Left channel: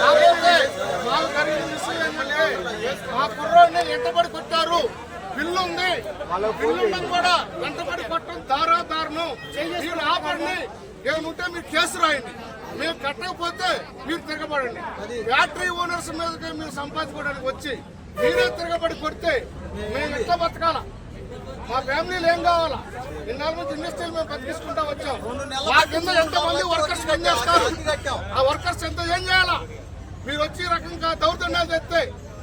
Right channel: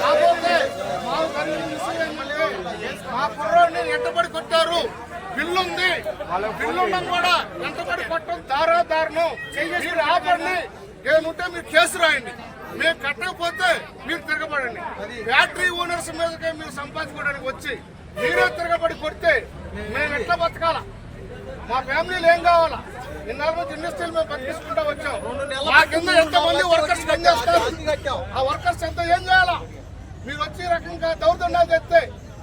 కాకపోతే మాకు జరిగిన విషయం ఏంటంటే మా కుర్రోడిని ఎంటబడి కొట్టారు. బిల్లు ఉంది కూడా ఎంటబడి కొట్టడం దారా దారుణం మీరు ఆపండి. ఏముంటే మీరు కేసు రాయండి. మీరు కట్టకపోతే మీరు తిరగబడండి. ఫ్యాక్టరీ ఓనర్స్ మీదకి మీరు సంపాదించుకోవడానికి వచ్చి మీరే తిరగబడి కొడితే మేము ఎట్లా బతకాలా? మా ఫ్యామిలీలో ఏం కావాలా? ఇన్నాళ్ళ నుంచి ఇండస్ట్రీలు మేము బతికించుకుంటా వచ్చాం. మా కింద ఎంతమంది వర్కర్స్ పనిచేస్తారు? ఆ వర్కర్స్ ఎంత ఏం చేయాలా? మీరు వచ్చి రకంగా దౌర్జన్యాలు చేస్తే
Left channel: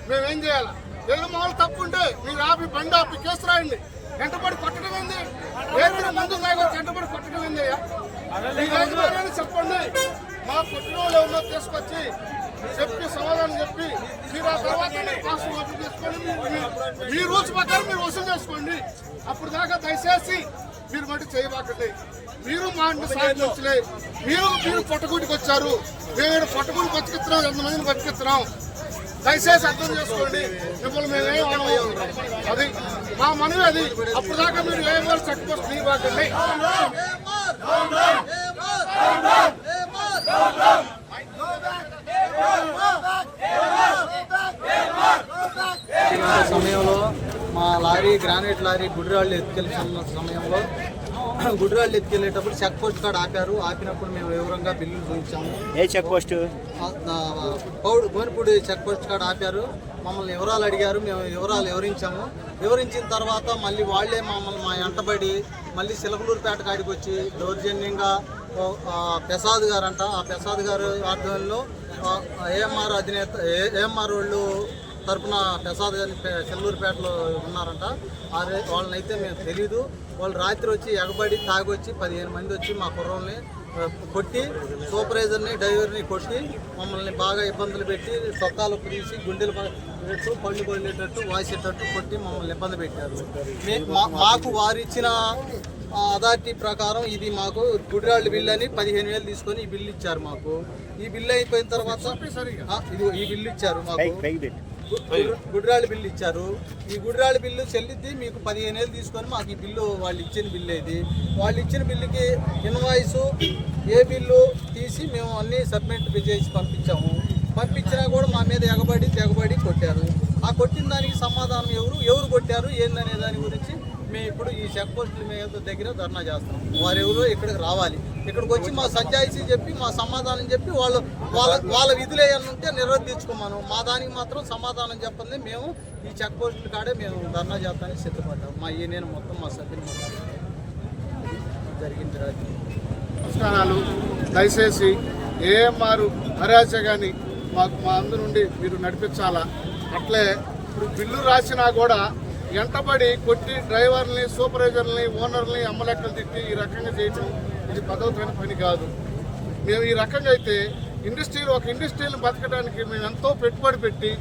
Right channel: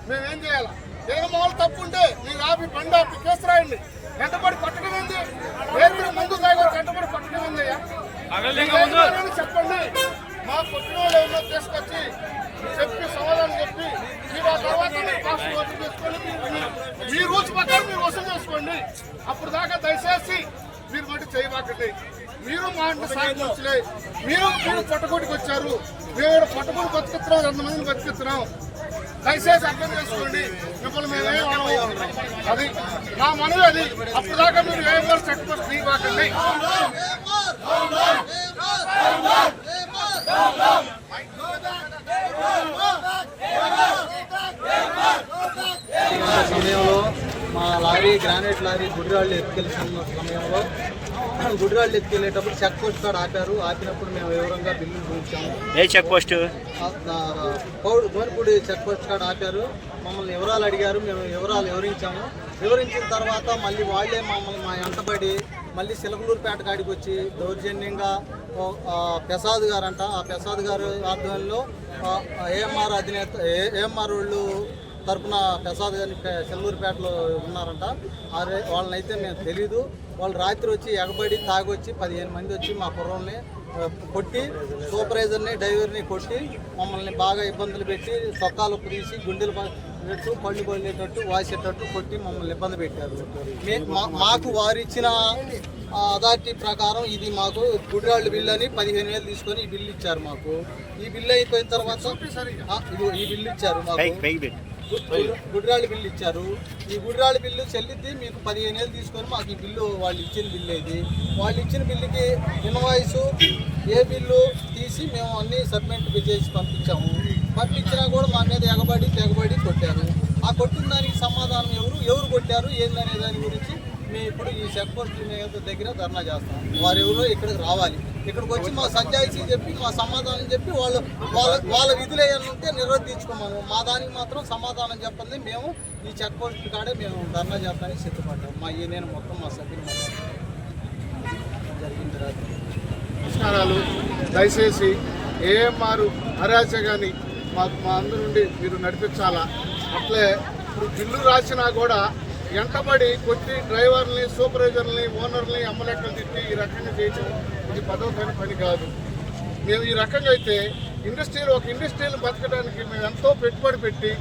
మేము ఏం చేయాలా? ఏదో మామూలు తప్పు ఉంటే మీరు ఆపి బండి ఆపి కేసు రాయండి. వెంటబడి కొట్టడం ఉంది ఏదైనా మందు తాగొచ్చు వెంటబడి కొట్టడం యజమాని చెప్పండి. మా పుట్టినోళ్ళు వాళ్ళు తీసుకొచ్చి చెప్పి సమాధానం చెప్పి మీరు ఆ తర్వాత మీరు వసూలు చేసుకోండి మీ- రూల్స్ ప్రకారం మీరు వసూలు చేసుకోండి. అప్పుడు దాకా దయచేసి మీరు మట్టి చేయబాకండి. మీరు మా ఇంటి సాధించలే మీరు మీరు పట్టుకుంటికి వచ్చారు. మేము పట్టుకుని బతికిస్తున్నాం ఎంతమందిని బతికిస్తున్నాం దయచేసి అర్థం చేసుకోండి. మిమ్మల్ని మేమేం అనము అది మా మనవి అది. అప్పుడు దాకా మీరు ఏం చెక్ పోస్ట్ తీయబాకండి. సమయంలో మా లారీ గ్రానైట్ లారీ గుడిరాళ్ళు ఎత్తుకెళ్తున్న సమయంలో గుడిరాళ్ళు ఎత్తుకెళ్ళేటప్పుడు చెక్ పోస్ట్ కాడ ఆపారు. ఆపినప్పుడు మేము వివరంగా బిల్లులు చూపించాము. ఏ చెక్ పోస్ట్? పౌడు గోనిపూడి చెక్ పోస్ట్ కాడ ఆపారు. మమ్మల్ని వివరాలు అడిగారు. మేము వివరాలు వివరించాము. వివరించిన తర్వాత మళ్ళీ వాళ్ళే మమ్మల్ని మా ఎంటబడి మళ్ళీ సిలకలూరుపేట కాడికి వచ్చి దౌర్జన్యంగా ప్రసాద్ గారు అంట ఆ ప్రసాద్ గారు ఆధ్వర్యంలో ఏఎంఆర్ అధినేత ఏఎంఆర్ వాళ్ళు తరపున ప్రసాద్ గారిని చెల్లూరుపేటలో ఉన్నారంట. వాళ్ళని అయితే వాళ్ళనైతే మేము తెలీదు. వాళ్ళు రాత్రి వచ్చి ఎగబడి తాగొచ్చి పదిహేను మంది వచ్చి మా కుర్రోల్ని కొట్టి సూపర్వైజర్ని డ్రైవర్ని కొట్టి మమ్మల్ని బాగా ఇబ్బందులు పెట్టి సొక్కాలు తీసి గుండెలు పెట్టు పళ్ళు పడేటట్టు వాసేటట్టు కొట్టి మమ్మల్ని ఇబ్బంది పెట్టారు. మా- మాకు వారిచ్చిన అథారిటీ ప్రకారం ఇది మాకు గుడిరాళ్ళు బిల్లు అని పదిహేను వేలు తీసుకొని ఈ బిల్లు ఇచ్చారు మాకు. ఈ బిల్లు అయిపోయిన తర్వాత ఈ బిల్లు ఇచ్చారు మాకు. గుడిరాళ్ళ బిల్లు ఇచ్చారు. ఈ గుడిరాళ్ళ బిల్లు చెల్లిద్ది మీకు పదిహేను వేలు తీసుకొని మాకు ఈ బిల్లు వాళ్ళు ఇచ్చిన బిల్లు ఇది. వాళ్ళు ఇచ్చిన బిల్లుకి ఇన్వాయిస్ ఏ బిల్లు తీసి మేము అన్ని సబ్మిట్ చేసి పంపించాము. పంపించినా కూడా మా మీద ఎగబడి తెగబడి కొట్టారు. ఆ కొట్టిన దానికి సమాధానం ఎవరు? ఎవరు కొట్టారు? ఏందనే దాని గురించి మేము ఇప్పుడు ఈ చెక్ పోస్ట్ మీద దగ్గర ధర్నా చేస్తాం. వారి ఎవరు ఇక్కడికి రావాలి. ఇక్కడికి వచ్చి మా సంజాయిషీ చెప్పి మా సమాధానం చెప్పి వాళ్ళు వాళ్ళ వాళ్ళ విధులు ఉంటే నిర్వర్తించుకోమను మా దానికి మాత్రం సమాధానం చెప్పండి. మేము ఈ చెక్ పోస్ట్ కాడే మేము ధర్నా చేస్తానికి సిద్ధపడ్డాం. మా ఈ నేను మొత్తం మా సభ్యులు జరిగింది రాత్రి. నమస్కారాలు. దయచేసి ఏఎంఆర్ అరాచకాన్ని మాకు మా అందరి నుండి మీరు నడిపించాలా? అట్లే ఇప్పుడు బిల్లు రాసినా కూడా ఎంటబడి కొట్టి డ్రైవర్ని సూపర్వైజర్ని ఓనర్ని అమ్మలెక్కలు తిట్టి ఈ రకంగా చేయటం ఇది పదవుతైన పని కాదు. మేము ఈ రకంగా అయితే ఇండస్ట్రీలో ఒక ఇండస్ట్రీని బతకడానికి మేము ఎంతో పెట్టుబడి పెట్టి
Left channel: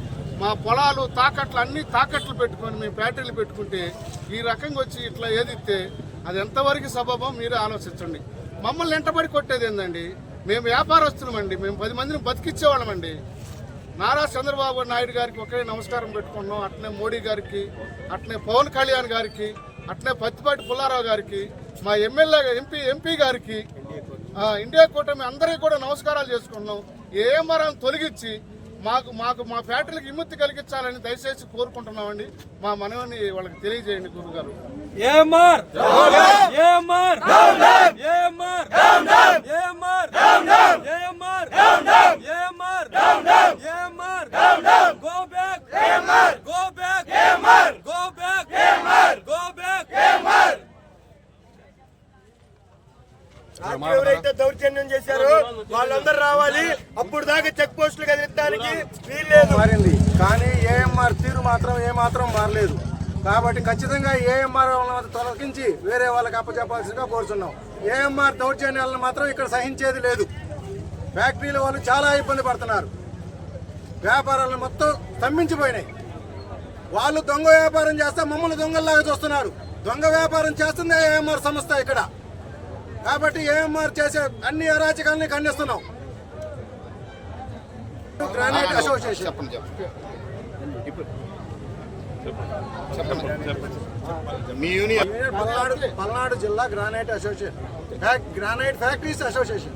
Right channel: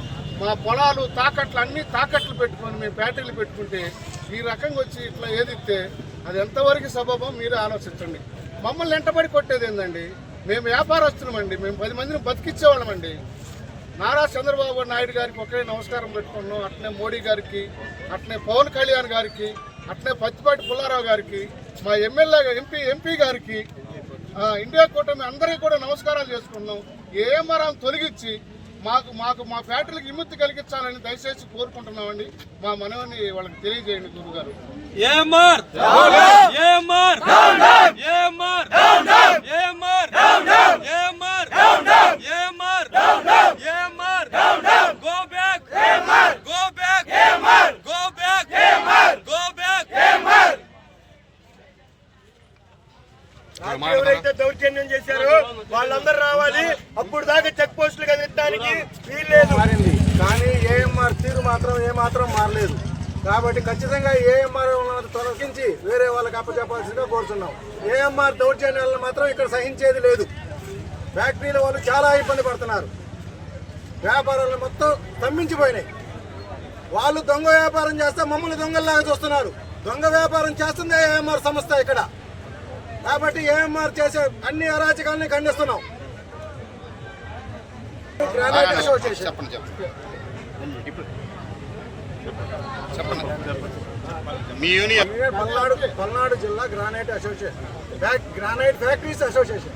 మా పొలాలు తాకట్లు అన్ని తాకట్లు పెట్టుకొని మేము బ్యాటరీలు పెట్టుకుంటే ఈ రకంగా వచ్చి ఇట్లా ఏదిస్తే అది ఎంతవరకు సబబం మీరే ఆలోచించండి. మమ్మల్ని ఎంటబడి కొట్టేది ఏంటండి మేము వ్యాపారస్తులమండి. మేము పది మందిని బతికిచ్చేవాళ్ళమండి. నారా చంద్రబాబు నాయుడు గారికి ఒకే నమస్కారం పెట్టుకున్నాం. అట్నే మోడీ గారికి అట్నే పవన్ కళ్యాణ్ గారికి అట్నే పత్తిపాటి పుల్లారావు గారికి మా ఎమ్మెల్యే ఎంపీ ఎంపీ గారికి ఆ, ఇండియా కూటమి అందరికీ కూడా నమస్కారాలు చేసుకుంటున్నాం ఏమరం తొలగించి మాకు మాకు మా ఫ్యాక్టరీకి విముక్తి కలిగించాలని దయచేసి కోరుకుంటున్నామండి. మా మనవని వాళ్ళకి తెలియజేయండి గురుగారు. ఏమర్ ఏమర్ ఏమర్ ఏమర్ ఏమర్ ఏమర్ ఏమర్ go back go back go back go back ఎవరైతే దౌర్జన్యం చేశారో. వాళ్ళందరూ రావాలి. అప్పుడు దాకా చెక్ పోస్టులు కదిలించడానికి వీల్లేదు మారింది. కానీ ఏఎంఆర్ తీరు మాత్రం ఏమాత్రం మారలేదు. కాబట్టి ఖచ్చితంగా ఏఎంఆర్ తొలగించి వేరే వాళ్ళకి అప్పచెప్పాల్సిందిగా కోరుతున్నాం ఏఎంఆర్ దౌర్జన్యాలను మాత్రం ఇక్కడ సహించేది లేదు. ఫ్యాక్టరీల వాళ్ళు చాలా ఇబ్బంది పడుతున్నారు. వ్యాపారాలు మొత్తం స్తంభించిపోయినాయి. వాళ్ళు దొంగ వ్యాపారం చేస్తే మమ్మల్ని దొంగల్లాగా చూస్తున్నారు. దొంగ వ్యాపారం చేస్తుంది ఏఎంఆర్ సంస్థ ఇక్కడ. కాబట్టి ఏఎంఆర్ చేసే అన్ని అరాచకాలని ఖండిస్తున్నాం. గ్రానైట్ అసోసియేషన్ పల్నాడు పల్నాడు జిల్లా granite association granite factories association